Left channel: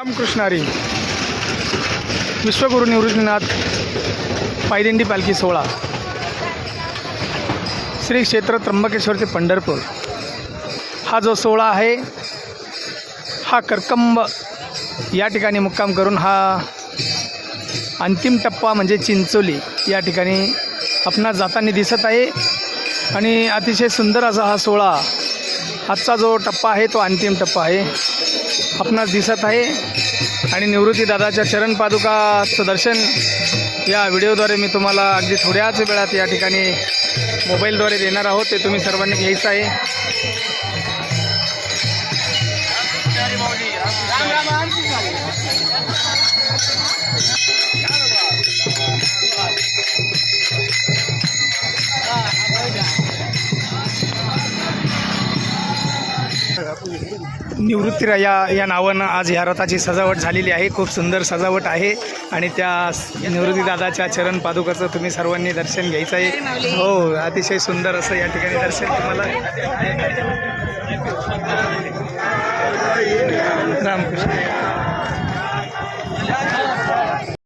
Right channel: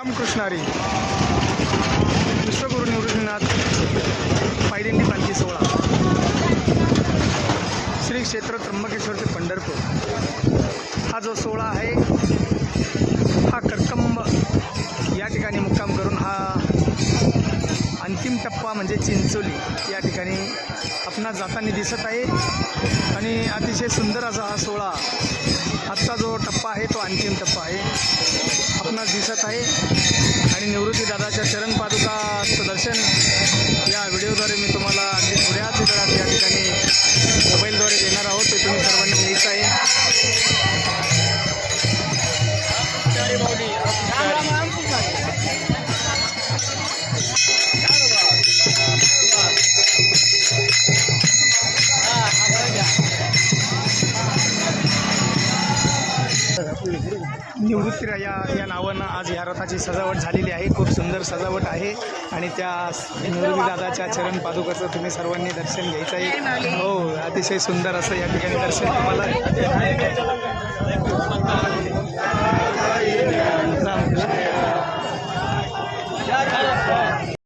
रामकृष्णारी विश्वगुरु निवृत्तीनाथ पायदिंडी पालखी सोहळा श्री क्षेत्र त्र्यंबकेश्वर ते पंढरपूर हा जो सोहळा आहे हा करकंब या ठिकाणी मुक्काम करून हा अंतिम टप्पा म्हणजे चिंचोली या ठिकाणी आपणास जाताना दिसत आहे। आणि अतिशय सुंदर असा हा सोहळा आजचा जो टप्पा आहे तो अंतिम टप्पा आहे आपणास दिसत आहे। आणि निवृत्ती दादाच्या चरण पादुकाचं दर्शन या व्हिडिओद्वारे मी तुम्हाला अगदी थोड्याच वेळात या ठिकाणी मोबाईलद्वारे देणार आहोत, ते तुम्ही सर्वांनी घ्यायचं आहे। निवृत्तीराया या नावानं आज या रथाची सजावट झालेली आहे। खूप सुंदर सजावट आहे आणि त्या निवृत्ती दादाच्या चरण पादुकाचं तुम्ही सर्वांनी दर्शन घ्यायचं आहे। हो, अतिशय सुंदर असं या ठिकाणी दर्शन तुम्हाला